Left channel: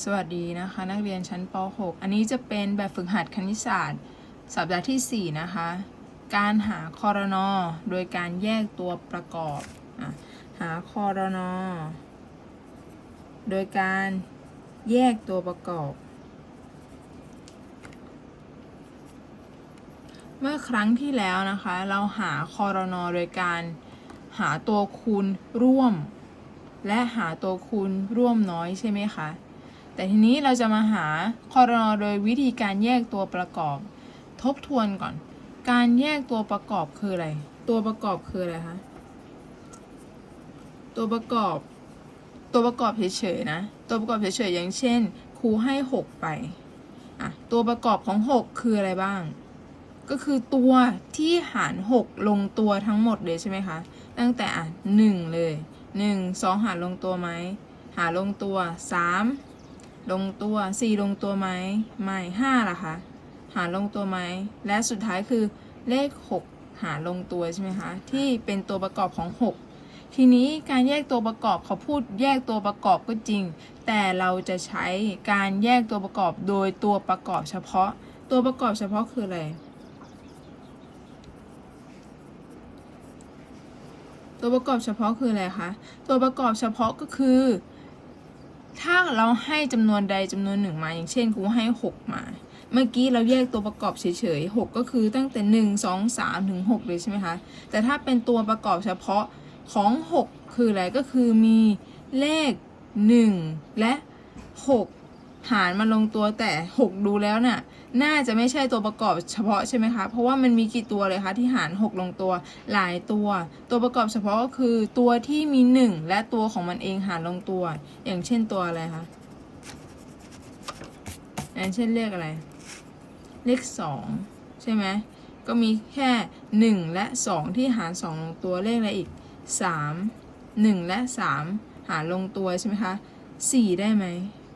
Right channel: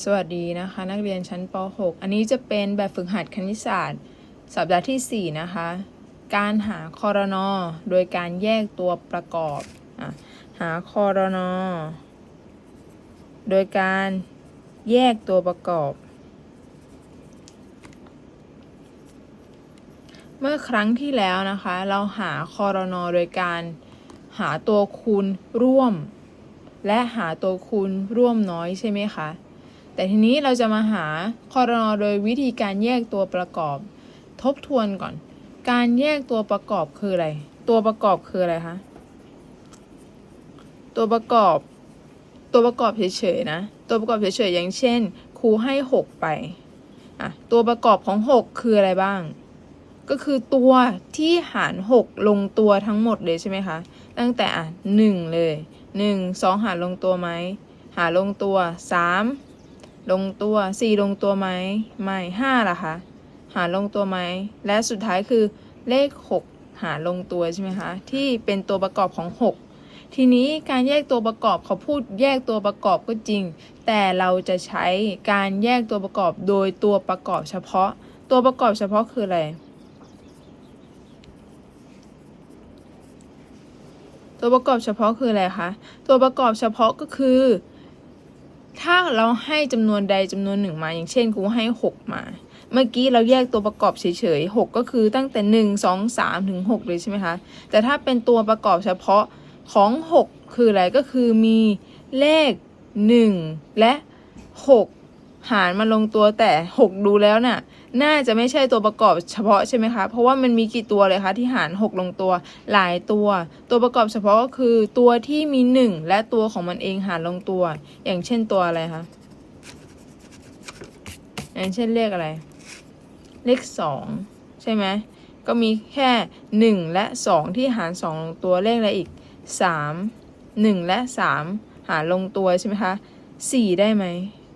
สวัสดีนะคะ นักเรียนชั้นป .6 อันนี้จะเป็นแบบฝึกหัดคณิตศาสตร์ สัปดาห์ที่ 4 นะคะ การหาคอรนอโดยการแยกตัวประกอบอหาคอรนอโดยการแยกตัวประกอบ เมื่อครั้งที่แล้วนะคะ เราหาคอรนอโดยการหาตัวคูณร่วมและหาตัวคูณร่วมน้อยใช่ไหมคะ แต่ทีนี้เราจะมาหาคอรนอโดยวิธีการแยกตัวประกอบ ทบทวนก่อน การแยกตัวประกอบคืออะไร ตัวประกอบคืออะไรคะ ตัวประกอบ ตัวประกอบเฉยๆนะ ตัวประกอบเฉยๆอย่างเช่น ครูให้ 6 ไป อะ ตัวประกอบของ 6 คืออะไรบ้าง ก็คือตัวที่หาร 6 ลงตัวทั้งหมดเลยใช่ไหมคะ ตั้งแต่อะ1เลย 1 2 หารลงตัวไหม หารลงตัว 3 ลงตัว 4 ลงตัวไหมไม่5ล่ะคะหารลงตัวไหมและสุดท้ายคือเลข 6 หารลงตัวใช่ไหมคะที่เป็นตัวประกอบของ 6 ทีนี้การแยกตัวประกอบเขาพูดแยกตัวประกอบก็จริง แต่เราจะใช้การแยกตัวประกอบโดยตัวประกอบเฉพาะ ตัวประกอบเฉพาะคืออะไรตัวประกอบเฉพาะคืออะไรคะ ตัวประกอบเฉพาะก็คือ ถ้าเราให้จำนวนใดจำนวนหนึ่งมา อย่างเช่นครูให้ 6 มา เมื่อกี้เราแยกตัวประกอบเฉยๆ6ก็คือตั้งแต่ 1 2 3 ถึง 6 เลยใช่ไหมคะ แต่ถ้าเป็นตัวประกอบเฉพาะของ 6 คืออะไรก็คือมีเลข 1 และ 6 หารมาลงตัวแต่ 6 ดูแล้วน่ะ น่าจะไม่ใช่ตัวประกอบเฉพาะใช่ไหมคะ เพราะว่ามันมีกี่ตัวเลยคะที่หาร 6 ลงตัวหลายตัว ตัวประกอบเฉพาะก็คือตัวที่มี 1 และตัวของมันเองหารลงตัว อย่างเช่นตัวอะไรคะอย่างเช่นเลขอะไร เลข 2 ใช่ไหมก็มีแค่ 1 และ 2 ที่หาร 2 ลงตัวเลขอะไรอีก 3 1 และ 3 หารลงตัวใช่ไหมคะ 4 ได้ไหม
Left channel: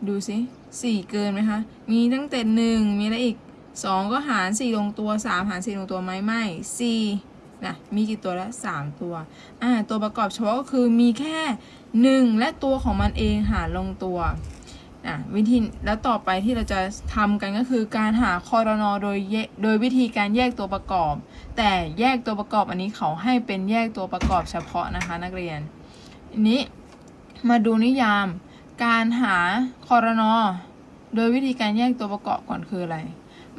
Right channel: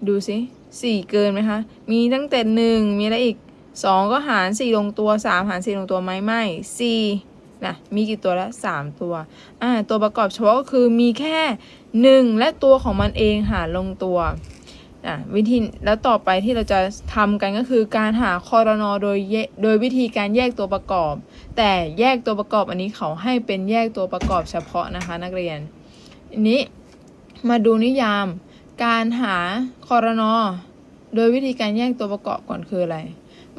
ดูสิ 4เกินไหมคะ มีตั้งแต่1มีอะไรอีก2ก็หาร4ลงตัว3หาร4ลงตัวไหมไม่4นะมีกี่ตัวแล้ว3ตัวอ่าตัวประกอบเฉพาะก็คือมีแค่1และตัวของมันเองหารลงตัวอะวิธีแล้วต่อไปที่เราจะทำกันก็คือการหาคอรนอโดยโดยวิธีการแยกตัวประกอบ แต่แยกตัวประกอบอันนี้เขาให้เป็นแยกตัวประกอบเฉพาะนะคะนักเรียนอันนี้มาดูนิยาม การหาคอรนอโดยวิธีการแยกตัวประกอบก่อนคืออะไร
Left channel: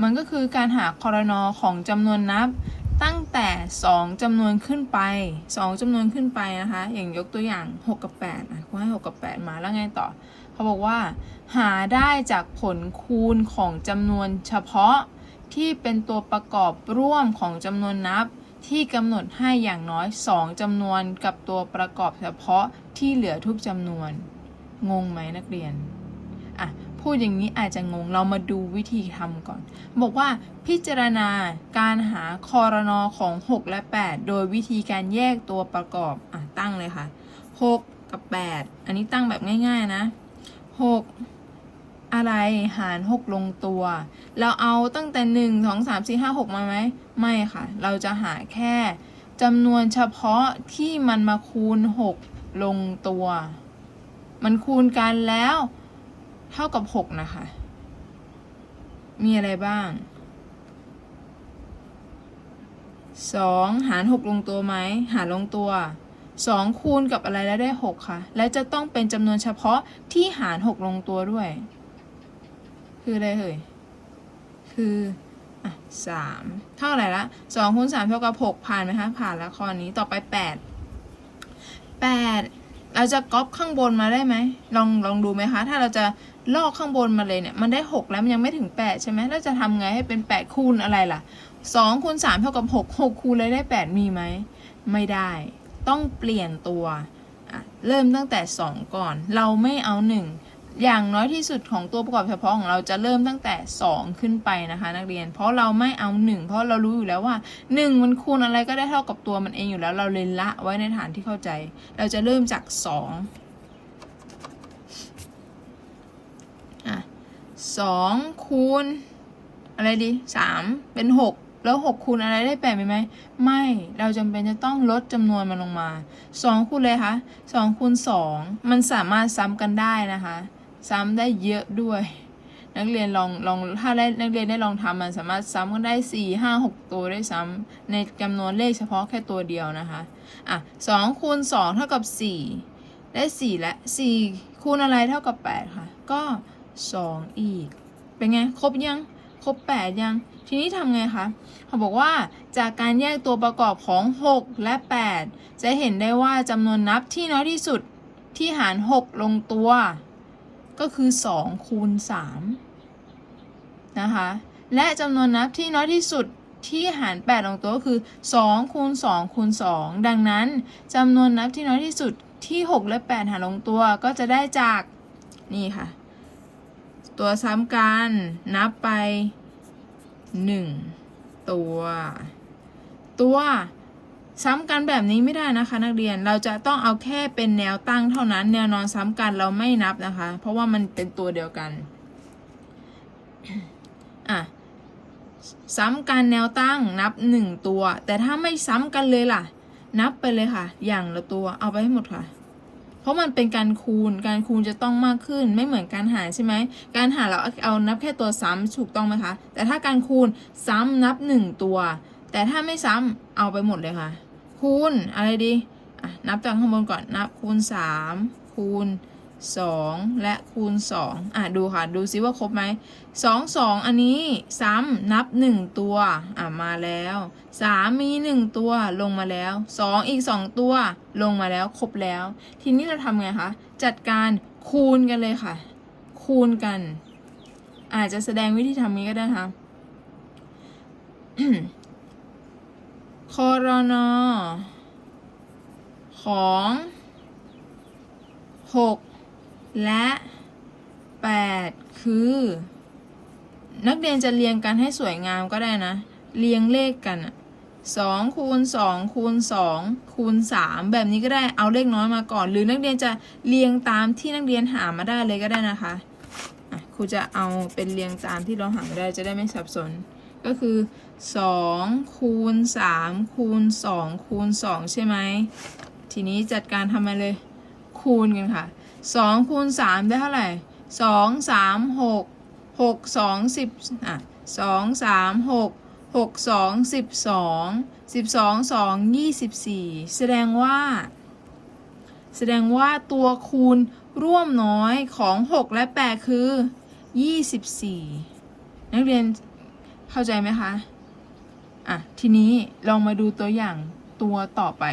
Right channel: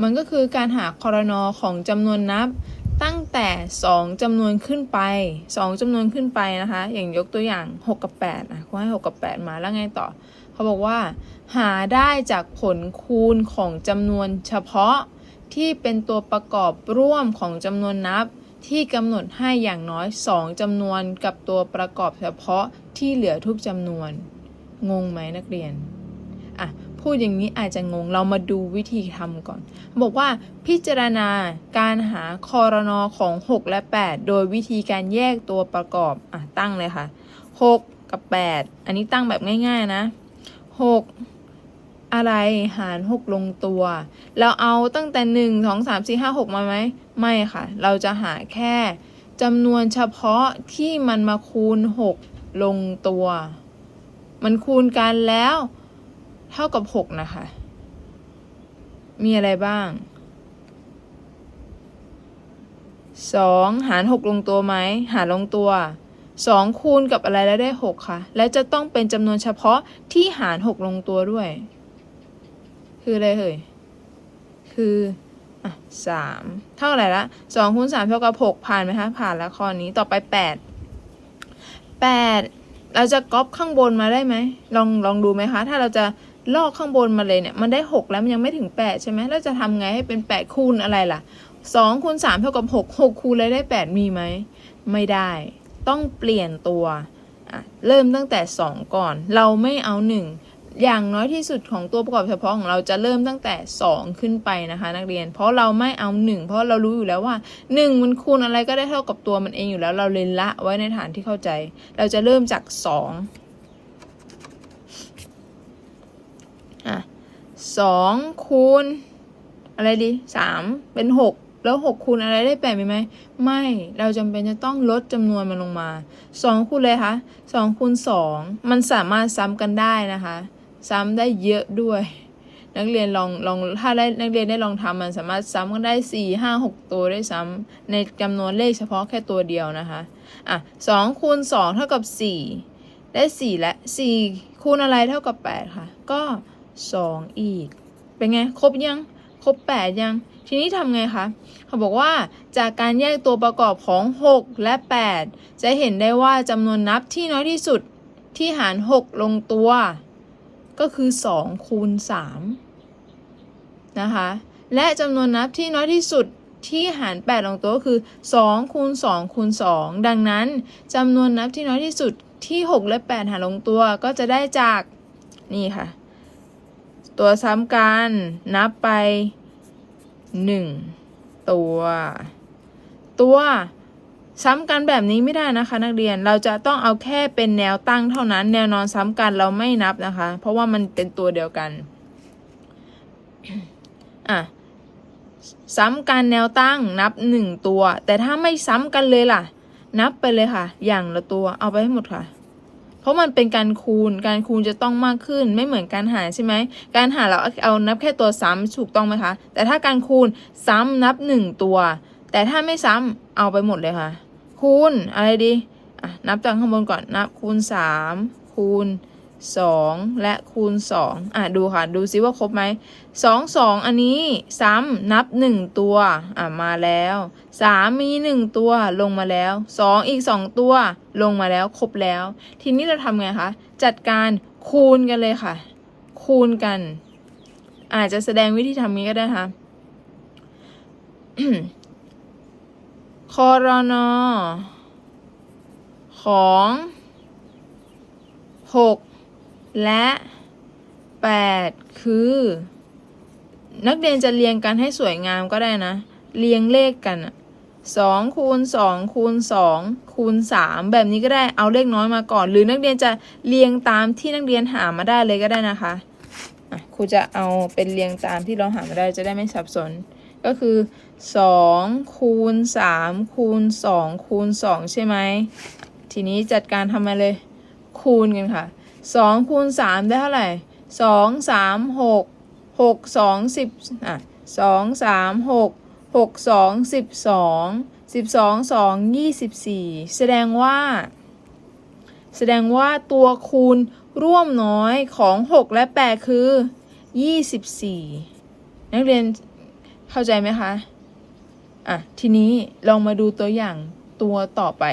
มันก็คือการหาคอรนอของจำนวนนับตั้งแต่ 2จำนวนขึ้นไป 2จำนวนขึ้นไปนะคะ อย่างยกตัวอย่าง 6 กับ8นะเขาให้ 6 กับ 8 มาแล้วไงต่อ เขาบอกว่า หาได้จากผลคูณของจำนวนเฉพาะที่เป็นตัวประกอบร่วมของจำนวนนับ ที่กำหนดให้อย่างน้อย 2จำนวนกับตัวประกอบเฉพาะที่เหลือทุกจำนวน งงไหมนักเรียนอะพูดอย่างนี้อาจจะงงเรามาดูวิธีทำก่อน บอกว่าพิจารณาการหาคอรนอของ 6 และ 8 โดยวิธีการแยกตัวประกอบอะตั้งเลยค่ะ 6 กับ 8 อันนี้ตั้งแบบง่าย ๆนะ 6 อะไรหาร 6 ลงตัว เราเอาตั้งแต่ 1 2 3 4 5 6 มาไหม ไม่ค่ะ เราจะหาแค่จำนวนเฉพาะที่มันมาคูณ 6 ลงตัว มันคูณกันแล้ว เท่ากับ6นะคะ มีอะไรบ้าง2หาร6ลงตัวไหม หารลงตัว2คูณกับอะไรแล้วได้6ค่ะ และจะต้องเป็นจำนวนเฉพาะที่หาร6ลงตัวด้วย คืออะไรเอ่ย คืออะสามเท่าไหร่ละสองคูณสามเท่ากับหกผ่านไหมคะ ผ่านแล้วข้อนี้ต่อไปแปดแปด เราจะก๊อปข้างบนมาได้ไหมลองลองดูไหมคะ ถ้าเราจะลอกข้างบนมาเลยเนี่ย มันได้หกแล้วมันยังไม่ถึงแปดใช่ไหมเราจะทำไงให้เป็นแปดคูณอะไรล่ะสองคูณสามเท่ากับหกหกคูณเลยได้แปดมีไหม ไม่ได้ ต้องเปลี่ยนตัว เริ่มตั้งแต่สองก่อน เราไม่เอาหนึ่ง อย่างน้อยที่สุดของตัวประกอบเฉพาะของเราจะเริ่มตั้งแต่ 2 ขึ้นไปนะคะ นักเรียน เพราะเราไม่เอา 1 เพราะเรารู้อยู่แล้วว่า 1 มันคูณอะไรก็ได้เท่ากับตัวมันเองอยู่แล้ว เราเลยละไว้ในฐานที่เข้าใจ เราจะเริ่มจาก 2อะ2คูณ อะไรดี 3 เป็น 6แล้ว6คูณอะไรได้8มีไหมไม่ เราจำเป็นจะต้องลดจำนวนมันลงมา 2คูณเลยคะ2คูณ2มันสามารถซ้ำกันได้นะคะ ซ้ำได้เยอะด้วย นักเรียนลองลองถ้าได้นักเรียนได้ลองทำมันสามารถซ้ำกันได้สี่ห้าหกตัวได้ซ้ำในจำนวนเลขเฉพาะแค่ตัวเดียวนะคะอะสองคูณสองเท่ากับสี่ได้สี่และสี่คูณอะไรเท่ากับแปดค่ะ ก็สองอีก เป็นไง ครบยังครบแปดยังทีนี้ทำไงคะ เขาบอกว่าจากการแยกตัวประกอบของ 6 และ 8 จะเห็นได้ว่าจำนวนนับที่น้อยที่สุดที่หาร 6 ลงตัว ก็คือ2คูณ3นะคะ และจำนวนนับที่น้อยที่สุดที่หาร 8 ลงตัวก็คือ2คูณ2คูณ2ดังนั้นจำนวนนับที่น้อยที่สุดที่ 6 และ 8 หารลงตัวก็จะได้จากนี่ค่ะ ตัวซ้ำกันนับไป 1 ตัว ตัว ซ้ำกันแบบนี้ไม่ได้นะคะ นักเรียนเราจะต้องเอาแค่เป็นแนวตั้งเท่านั้น แนวนอนซ้ำกันเราไม่นับนะคะ เพราะว่ามันเป็นตัวเดียวกันอะซ้ำกันแนวตั้งนับหนึ่งตัว แต่ถ้าไม่ซ้ำกันเลยล่ะ นับไปเลยค่ะ อย่างละตัวเอาไปให้หมดค่ะ เพราะมันเป็นการคูณ การคูณจะต้องมากขึ้น ไม่เหมือนการหารใช่ไหม การหารเราเอานับแค่ตัวซ้ำถูกต้องไหมคะ แต่ถ้าการคูณซ้ำนับหนึ่งตัว แต่ถ้าไม่ซ้ำเอาไปหมดเลยค่ะ คูณอะไรดีอะนับจากข้างบนก่อนนับคูณสามคูณสองและคูณสองอะดูค่ะ ดูซิว่าครบไหมสองสองอันนี้ซ้ำนับหนึ่งตัวอะมาแล้วสามมีหนึ่งตัวลงมาแล้วสองอีกสองตัวลงมาแล้วครบแล้ว ทีนี้เราทำไงคะ จัดการคูณกันเลยค่ะ คูณกัน อาจจะแสดงวิธีทำนี้ก็ได้นะคะ คอรนอของ6และ8คือ นักเรียนจะเรียงกันให้สวยงามก็ได้นะ เรียงเลขกันอะสองคูณสองคูณสองคูณสามแบบนี้ก็ได้เอาเลขน้อยมาก่อน หรือนักเรียนจะเรียงตามที่นักเรียนหามาได้เลยก็ได้นะคะะครูจะเอาเป็นเรียงตามที่เราหามาได้จะได้ไม่สับสน ก็คือสองคูณสามคูณสองคูณสองใช่ไหมทีนี้จัดการทำมาเลย คูณกันค่ะสองคูณสามได้เท่าไหร่สองสามหกหกสองสิบอะสองสามหกหกสองสิบสองสิบสองสองยี่สิบสี่แสดงว่า แสดงว่าตัวคูณร่วมน้อยของ 6 และ 8 คือ 24 นักเรียน เข้าใจไหมคะ อะ ทีนี้ลองมาดูตัวอย่างตัวต่อไป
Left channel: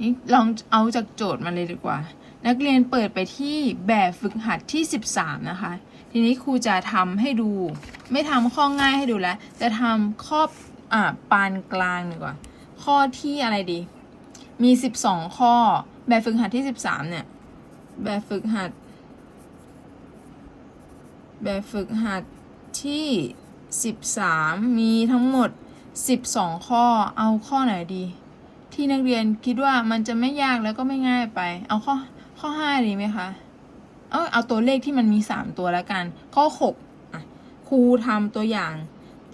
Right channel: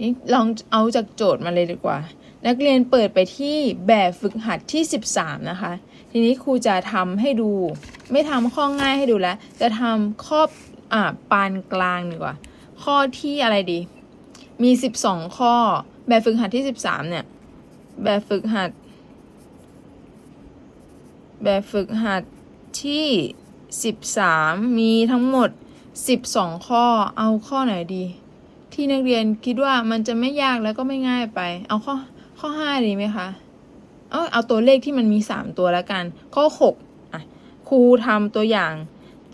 นี่ลองเอาจากโจทย์มาเลยดีกว่า นักเรียนเปิดไปที่แบบฝึกหัดที่ 13 นะคะ ทีนี้ครูจะทำให้ดู ไม่ทำข้อง่ายให้ดูแล้ว จะทำข้ออ่าปานกลางดีกว่า ข้อที่อะไรดี มี 12 ข้อ แบบฝึกหัดที่ 13 เนี่ย แบบฝึกหัด แบบฝึกหัดที่ 13 มีทั้งหมด 12 ข้อ เอาข้อไหนดี ที่นักเรียนคิดว่ามันจะไม่ยากแล้วก็ไม่ง่ายไป เอาข้อข้อ 5 ดีไหมคะ เอาเอาตัวเลขที่มันมี 3 ตัวแล้วกัน ข้อ 6 อะ ครูทำตัวอย่าง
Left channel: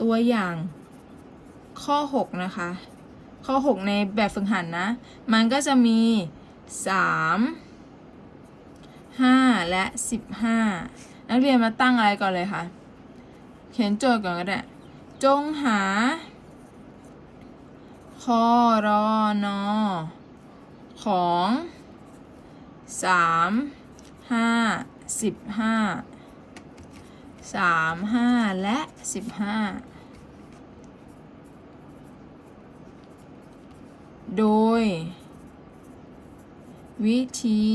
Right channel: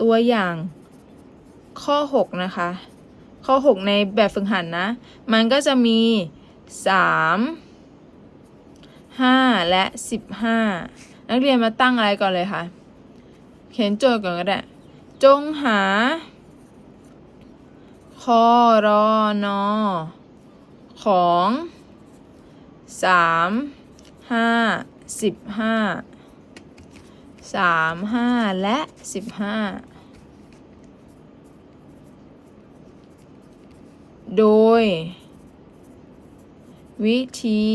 ตัวอย่างข้อ 6 นะคะ ข้อ 6 ในแบบฝึกหัดนะมันก็จะมี 3 5 และ 15 นักเรียนมาตั้งอะไรก่อนเลยคะ เขียนโจทย์ก่อนก็ได้ จงหา คอรอนอของ3 5 15 3 5และ15โดย วิธี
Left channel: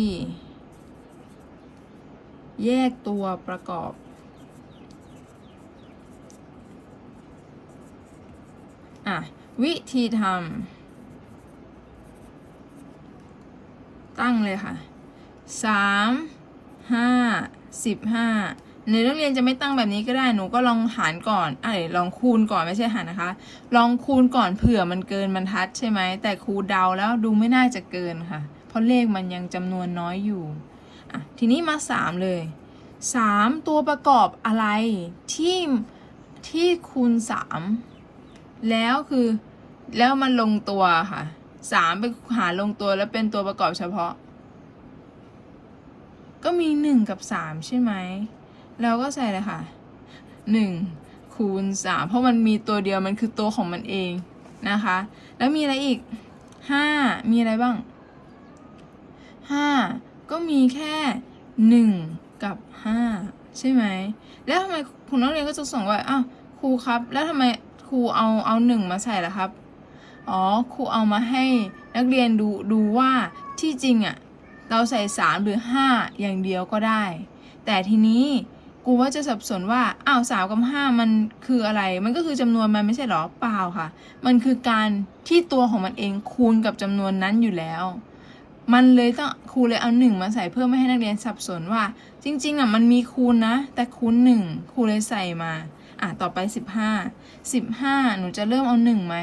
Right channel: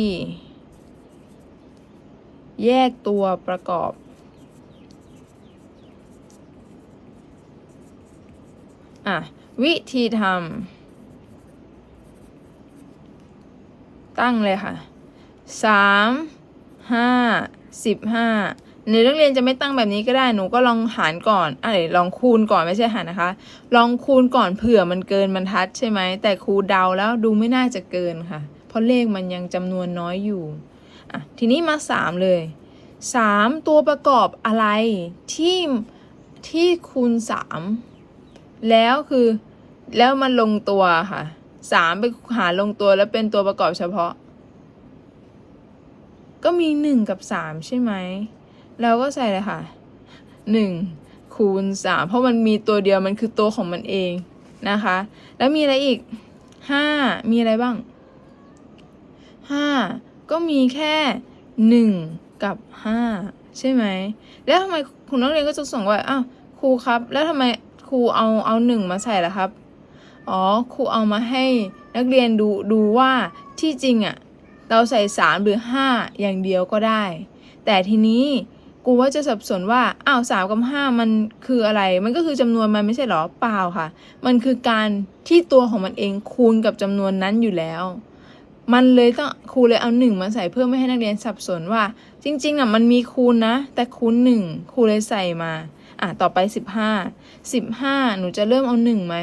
แยกตัวประกอบ อะ วิธีทำตั้งเลยค่ะสามห้าสิบห้าหรือนักเรียนจะไม่ตั้งแบบนี้ก็ได้หนูก็ลองหารก่อนอะเดี๋ยวลองคูณก่อนไม่ใช่หารนะคะ ลองคูณก่อนเผื่อมันเกินบรรทัดใช่ไหมแต่ครูเดาแล้วดูไม่น่าจะเกินค่ะ เพราะเลขมันยังจำนวนน้อยอยู่อะทีนี้มาสามเลยสามตัวประกอบอะไรที่ที่คูณสาม แล้วคือแล้วมันลงตัวค่ะสามไปหาลงตัวแล้วเป็นตัวประกอบเฉพาะ ก็มีหนึ่งกับสามใช่ไหมเราก็ใส่เลยค่ะหนึ่งคูณสามเพราะมันมีตัวเดียวมันคือตัวของมันเองนะคะ แล้วมีอะไรอีกห้ามีอะไรบ้างห้าก็มีแค่หนึ่งกับห้าใช่ไหมแล้วทำไมคุณนักเรียนก็จะส่งว่าอ้าวครูครับ แล้วทำไม รูเอาเอาหนึ่งมาใส่ล่ะครับ อ๋อครูเอามาให้นักเรียนดูดูว่าที่จริงอะ่ะเราใส่สามหรือห้าอย่างเดียวก็ได้ แต่ทีนี้กูว่าจะสับสนว่าอ้าวสามกับห้ามันคืออะไร มันก็คือจำนวนมันไม่ใช่หรอเปล่าค่ะ มันคือการที่ตัวของมันเองคูณกับจำนวนนั้นอยู่แล้วมันเลยต้องครูเลยเอาหนึ่งมาใส่เพื่อไม่ให้นักเรียนสับสนว่า จริงๆอะมันมีคูณนะ แต่คูณหนึ่งครูเลยใส่มา อะต่อไปสิบห้าสิบห้าหนูจะเริ่มเอาหนึ่งไหม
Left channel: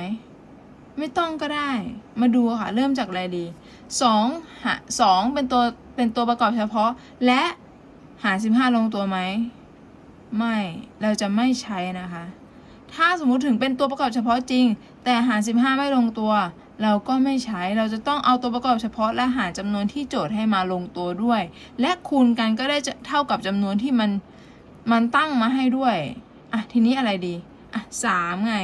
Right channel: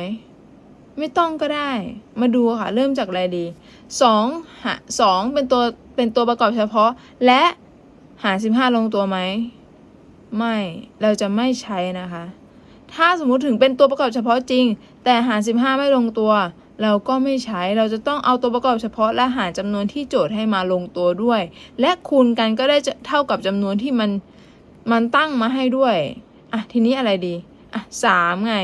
ไม่ต้องก็ได้ มาดูค่ะ เริ่มจากอะไรดีสองหาสองเป็นตัวเป็นตัวประกอบเฉพาะ และหารสิบห้าลงตัวไหม ไม่ เราจะไม่ใช้นะคะ ถ้าสมมุติถึงเป็นตัวประกอบเฉพาะจริง แต่หารสิบห้าไม่ลงตัว เราก็ไม่ใช้ เราจะต้องเอาตัวประกอบเฉพาะและหารจำนวนที่โจทย์ให้มาลงตัวด้วย และคูณกันก็ได้จะเท่ากับจำนวนที่มันมันตั้งมาให้ด้วย อะทีนี้อะไรดีอะสามไง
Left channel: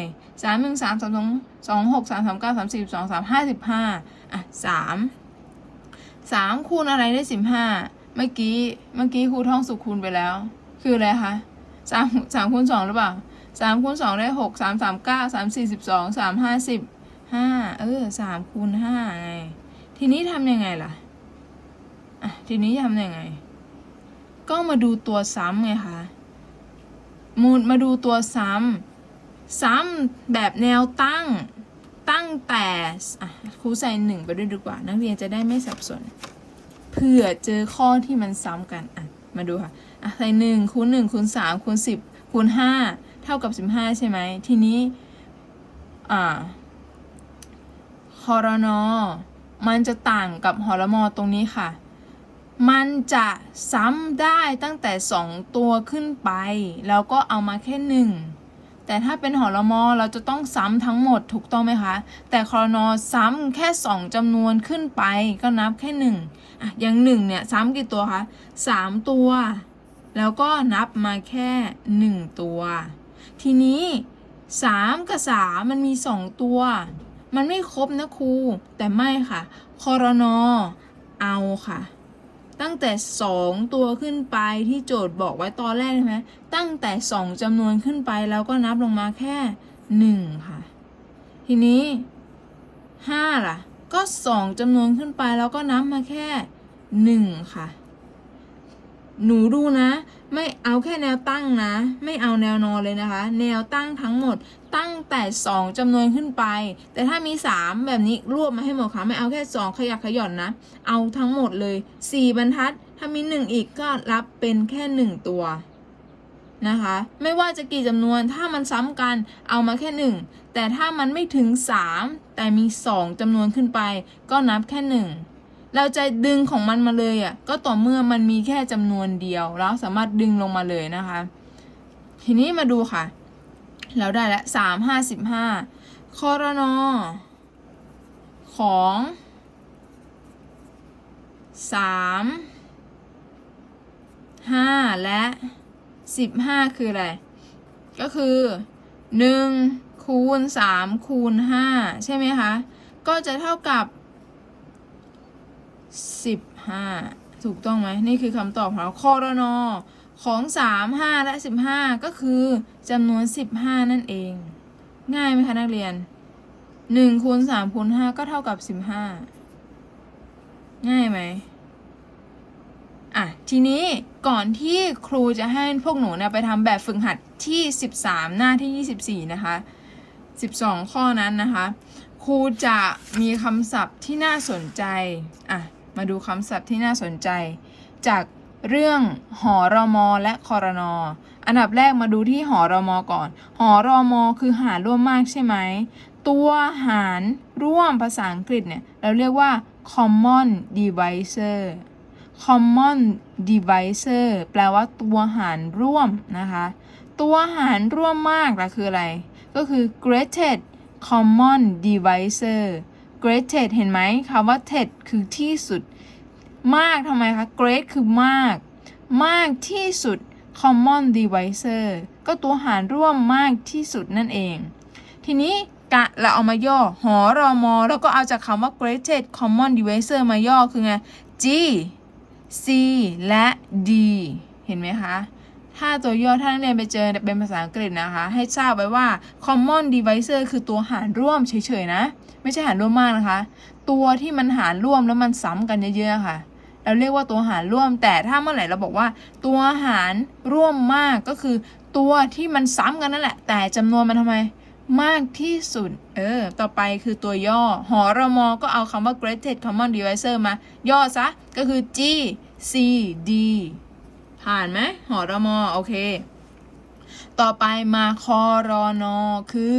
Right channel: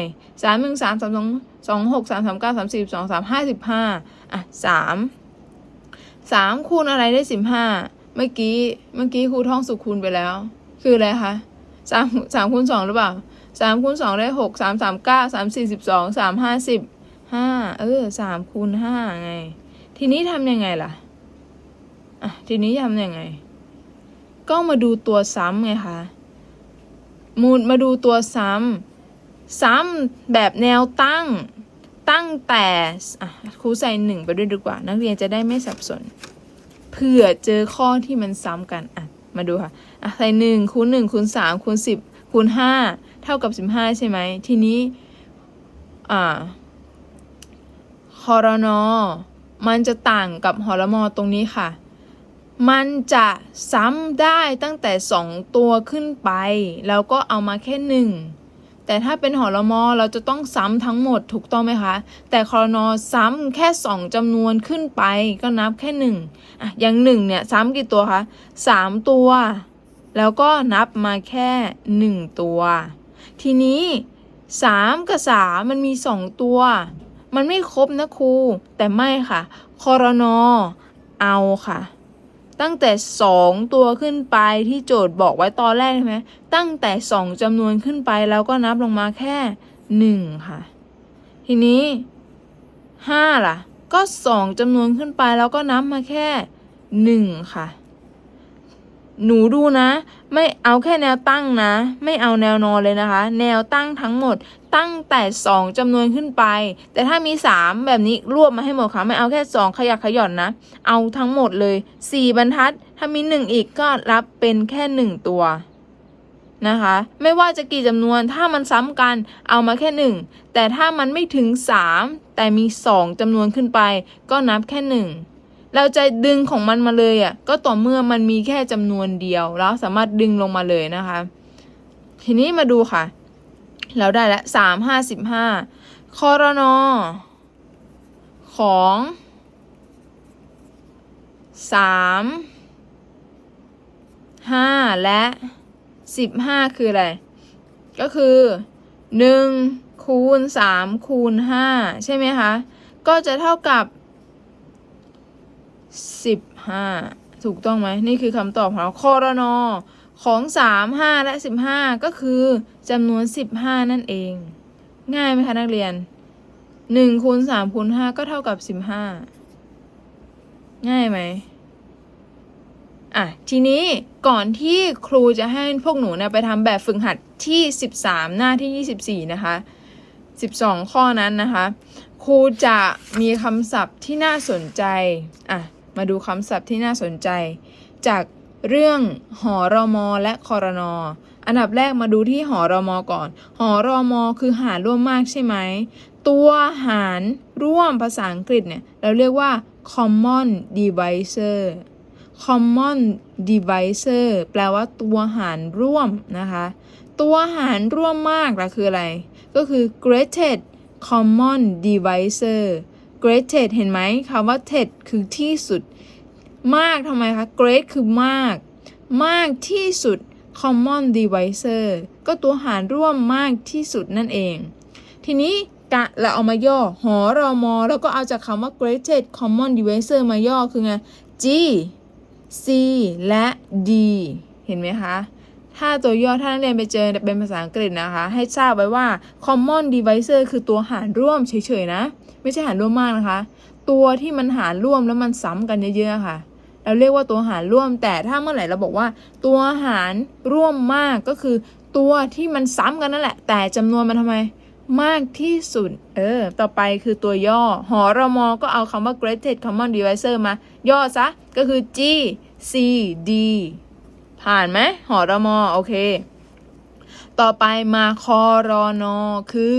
สามหนึ่งสามสามสองสองหกสามสามเก้าสามสิบสองสามห้าสิบห้าอะสามสามคูณอะไรได้สิบห้าเมื่อกี้เมื่อกี้ครูท่องสุขคูณไปแล้ว คืออะไรคะสามสามคูณสองหรือเปล่าสามคูณสองได้หกสามสามเก้าสามสี่สิบสองสามห้าสิบห้าเออสามคูณห้าไง ทีนี้ทำยังไงล่ะอะทีนี้ทำยังไง ก็มาดูตัวซ้ำไงคะ มูลมาดูตัวซ้ำ ซ้ำแบบแนวตั้ง ตั้งแต่ครูใส่หนึ่งไปด้วยดีกว่า นักเรียนจะได้ไม่สับสน เผื่อเจอข้อที่มันซ้ำกันอะมาดูค่ะอะใส่หนึ่งคูณหนึ่งคูณสามคูณสิบคูณห้าเท่ากับสิบห้าใช่ไหม ทีนี้อ่าคอรนอมันจะต่างกับหอรมอตรงนี้ค่ะ มันจะซ้ำได้ตั้งแต่สองตัวขึ้นไป แล้วก็เอามาแค่หนึ่งแต่ถ้าเป็นหอรมอเราจะต้องซ้ำทั้งหมดถูกต้องไหมคะ แต่คอรนอซ้ำแค่สองจำนวนขึ้นไปก็นับแค่หนึ่งอะอย่างหนึ่งเนี่ยซ้ำกี่ตัวคะสามตัว แล้วก็นับมาแค่หนึ่งตัว ทีนี้สามกับสามมันมีสองตัว มันไม่ครบนะครูแต่ไม่ค่ะคอรนอเอาค่ะ ตั้งแต่สองตัวขึ้นไปที่โจทย์บอกไว้ตอนแรกใช่ไหมตั้งแต่สองจำนวนขึ้นไปแล้วก็นับลงมาแค่หนึ่งค่ะ ทีนี้ห้าล่ะ ก็สองจำนวนขึ้นไปแล้วก็นับมาแค่หนึ่งค่ะ หนูดูนะ ไม่เอาแค่แนวตั้งนะ ไม่เอาแนวนอนเลยนะคะ แนวตั้งทั้งหมดตั้งแต่สองจำนวนขึ้นไป แต่ถ้ามีสามแบบนี้รวบมาให้หมดค่ะ ไม่เอาแค่สองขยักขย่อนนะ เอาทั้งหมดเลยสี่บรรทัด ถ้ามีหนึ่งอีกก็รับเป็นแค่หนึ่งตัวนะคะ ไม่ว่าจะกี่จำนวนถ้ามันซ้ำกันเอามาแค่หนึ่งแต่ถ้ามันไม่ถึงสามแต่มีสองจำนวนขึ้นไป ก็นับแค่หนึ่ง เราจะดึงของมันมาเลยอะ ก็ต่อเมื่อมันมีแค่จำนวนเดียวแล้วสามารถดึงลงมาเลยนะคะ ทีนี้มาดูค่ะ เราได้ละสามห้าสิบห้าคอรนอของสามห้าและสิบห้าคืออะไร ก็คือหนึ่งคูณสามคูณห้าใช่ไหมคะ ก็จะเท่ากับ สิบห้าถูกต้องไหมนี่คือคำตอบของเราคอรนอของสามห้าและสิบห้าก็คือจำนวนสิบห้านั่นเอง ง่ายไหมคะนักเรียนหนึ่งคูณสามคูณห้าก็เท่ากับสิบห้าง่ายไหมอะทีนี้ก่อนที่ครูจะให้พวกหนูเนี่ยไปทำแบบฝึกหัดที่ 13 หน้าที่ 24 นะคะ 12 ข้อนั้นนะคะ ครูจะมีคำศัพท์ที่น่าสนใจอะ มาดูคำศัพท์ที่น่าสนใจ จากเรื่องหอรอมอและคอรนออันดับแรกมาดูที่หอรอมอก่อน หอรอมอคือหารร่วมมากใช่ไหม ตัวหารร่วมภาษาอังกฤษเนี่ย เราเรียกว่า common divisor common divisor แปลว่าตัวหารร่วมนะคะ ตัวหารร่วมมากล่ะคืออะไร ก็คือ greatest common divisor greatest เห็นไหมคำว่า ted คือที่สุด มากทำไมคะ great คือมาก มากที่สุด common divisor ก็ตัวหารร่วมมากที่สุดนั่นเอง ทีนี้กะเราเอามาย่อ หอรอมอ แล้วก็เอาจากคำว่า greatest common divisor มาย่อคือไง G C และ D เห็นไหมคะ ถ้าตัวย่อถ้านักเรียนไปเจอเป็นภาษาอังกฤษนะคะ ให้ทราบไว้ว่า common divisor คือตัวหารร่วมเฉยๆนะ ไม่ใช่หารร่วมมากนะคะ ตัวที่มันหารร่วมแล้วมันซ้ำกันเยอะๆค่ะ เราเรียกว่าตัวหารร่วม แต่ถ้าเมื่อไหร่เราบอกว่า ตัวหารร่วมมากก็คือ ตัวที่มันซ้ำกันนั่นแหละ แต่จำนวนมันทำไมมากที่สุด เออ ต่อไปคือตัวย่อ หอรมอก็เอาคำว่า greatest common divisor มา ย่อซะ ก็คือ G C D ผ่านไหมหอรมอโอเค ต่อไปมาคอรอนอคือ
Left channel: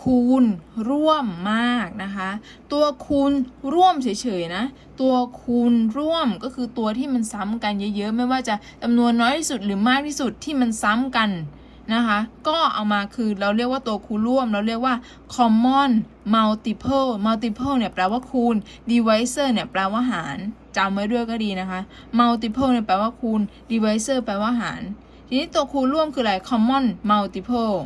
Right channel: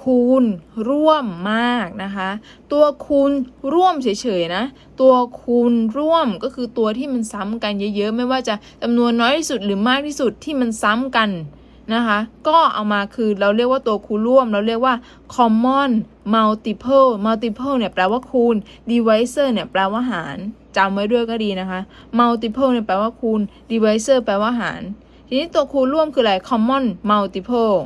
คูณร่วมมากนะคะ ตัวคูณร่วมเฉยๆนะ ตัวคูณร่วมก็คือตัวที่มันซ้ำกันเยอะๆ ไม่ว่าจะจำนวนน้อยที่สุดหรือมากที่สุดที่มันซ้ำกัน นะคะ ก็เอามาคือเราเรียกว่าตัวคูณร่วม เราเรียกว่า common multiple multiple เนี่ยแปลว่าคูณ divisor เนี่ยแปลว่าหารจำไว้ด้วยก็ดีนะคะ multiple เนี่ยแปลว่าคูณ divisor แปลว่าหาร ทีนี้ตัวคูณร่วมคืออะไร common multiple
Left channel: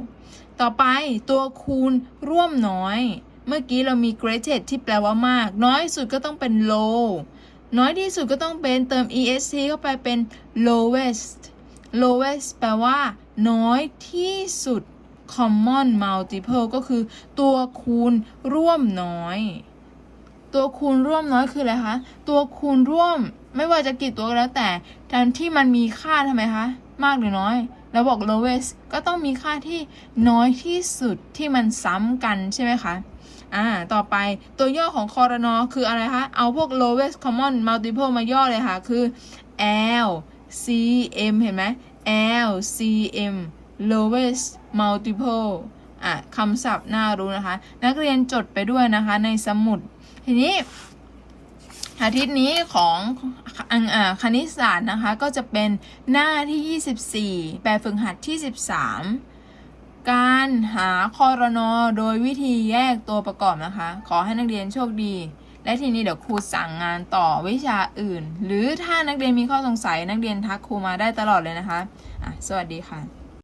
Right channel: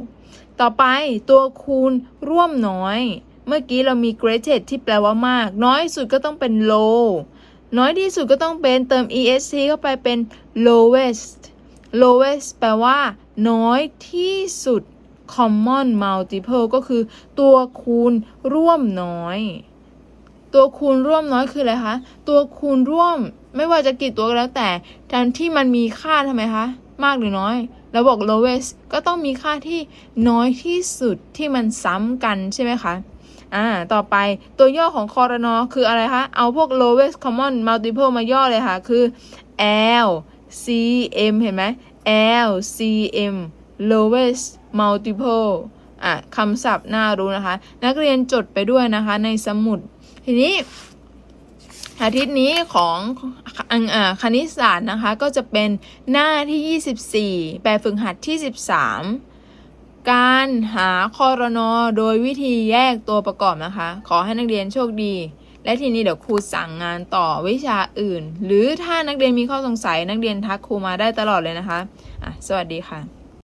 ต่อไปตัวคูณร่วมน้อย เมื่อกี้เรามี greatest ที่แปลว่ามาก น้อยสุดก็ต้องเป็น low น้อยที่สุดก็ต้องเป็นเติม est เข้าไปเป็น lowest lowest แปลว่า น้อยที่สุด common multiple ก็คือ ตัวคูณร่วมน้อย ตัวคูณร่วมน้อยคืออะไรคะ ตัวคูณร่วมไม่ว่าจะกี่ตัวก็แล้วแต่การที่มันมีค่าทำไมคะ มากหรือน้อย เราบอก lowest ก็ต้องมีค่าที่น้อยที่สุดที่มันซ้ำกันใช่ไหมคะอ่า ต่อไปตัวย่อของคอรนอคืออะไรคะ เอาพวก lowest common multiple มาย่อเลยค่ะ คือ L C M เห็นไหม L C M lowest multiple อะคำศัพท์น่ารู้นะคะ นักเรียนจดไปด้วยนะคะในสมุด ทีนี้ อาทิตย์นี้ของอคณิตศาสตร์นะคะ ก็จะเป็นหน้าที่ 24 แบบฝึกหัดที่ 13การหาคอรนอโดยวิธีแยกตัวประกอบนะคะ ขอให้นักเรียนโชคดี และทีนี้เดี๋ยวครูสั่งงานต่อวิชาอื่น หรือถ้านักเรียนมีข้อสงสัยนักเรียนทักครูมาได้ตลอดเลยนะคะอะสวัสดีค่ะ